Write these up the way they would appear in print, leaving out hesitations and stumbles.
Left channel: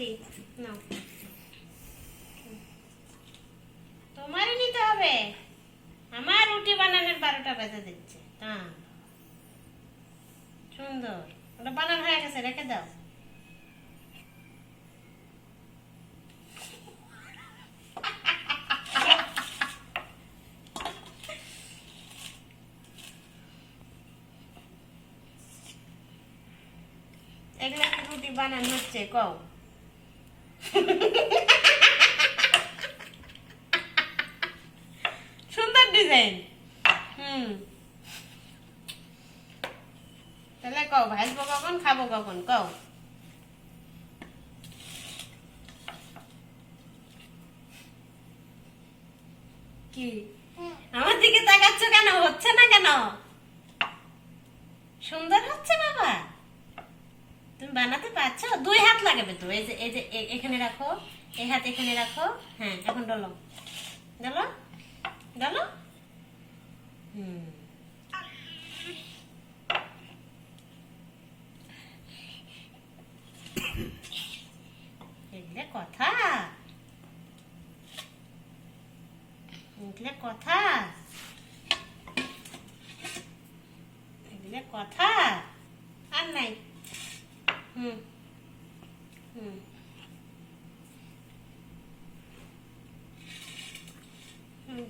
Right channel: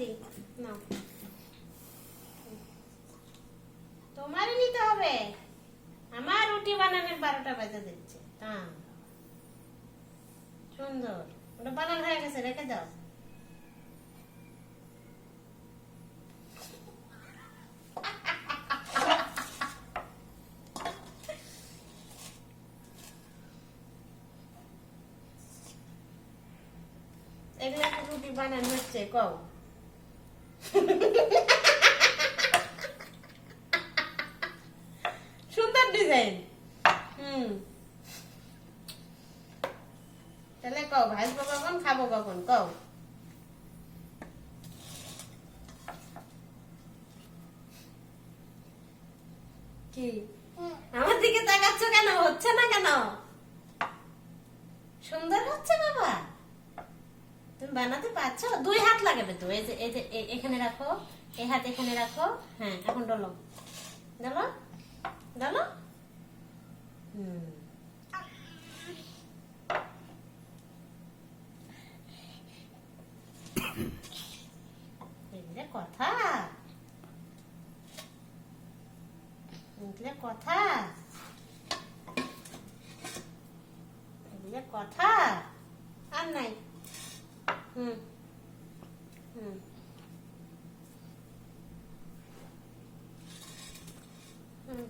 দিই, নাও। তোমারই নিতে হবে, আমার রুটি বানানোর 12টা বাজে দিচ্ছে। হ্যাঁ, সুন্দর, ওটা বানানো হয়ে গেছে, রেখে দাও। এগুলো একটা রুটি বানানো হচ্ছে, কও। সুন্দর ডিজাইন। তাহলে কও, ভাজবো কখন, খাবো কখন, কও। কি আমার দিকে তাকাচ্ছ কেন? হচ্ছে না কেন? সুন্দর হচ্ছে বাবা, তুমি বানাতে পারছো? 2 হাত লাগাবে তো, এই যে এখানে রাখো, এই হাত এখানে রাখো। হ্যাঁ, এখন ডলো, ডলো, ডলো। এগুলো কথা, এগুলো কথা, এগুলো কথা আর নাই। হুম হুম হুম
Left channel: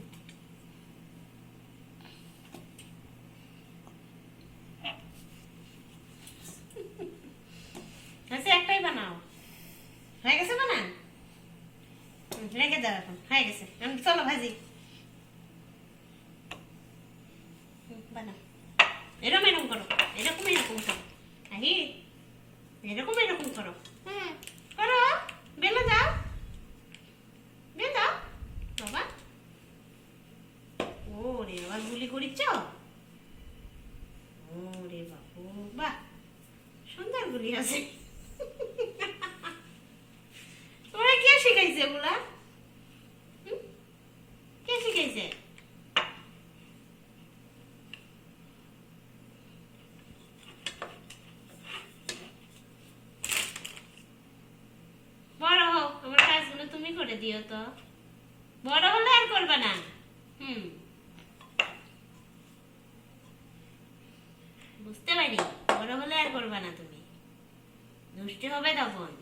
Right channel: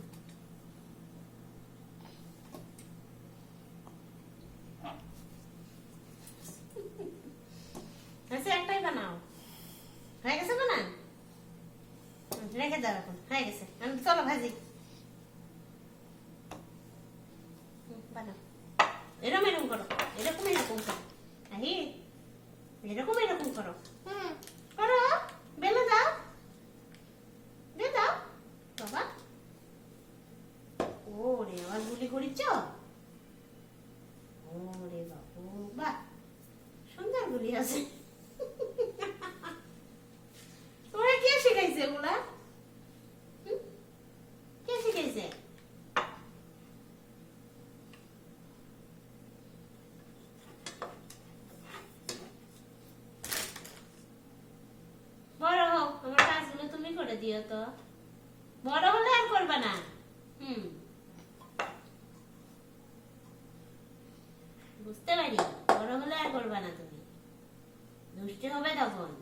আচ্ছা, একটাই বানাও। হয়ে গেছে বানান? রেখে দাও, এখন হয়ে গেছে। চলো ভাজি, বানাও। এরকম এরকম করো, এরকম এরকম করো। আহি, এরকম এরকম করো। করো, বেলে যাও, বেলে যাও বাবা। ওরে বাবা, গুলি করিচ্ছ? ওরে বাবু, বাহ, সুন্দর গুলি আছে। তোরা কে শিখাইছে এগুলা? কে শিখাইছে? বড় হও, আমার কাজগুলো তুমি করে দিও তো। বড় হলে আর করবে না। বুঝতে পারি, বড় হলে আর করবে না তুমি, দুষ্টু হবে তখন।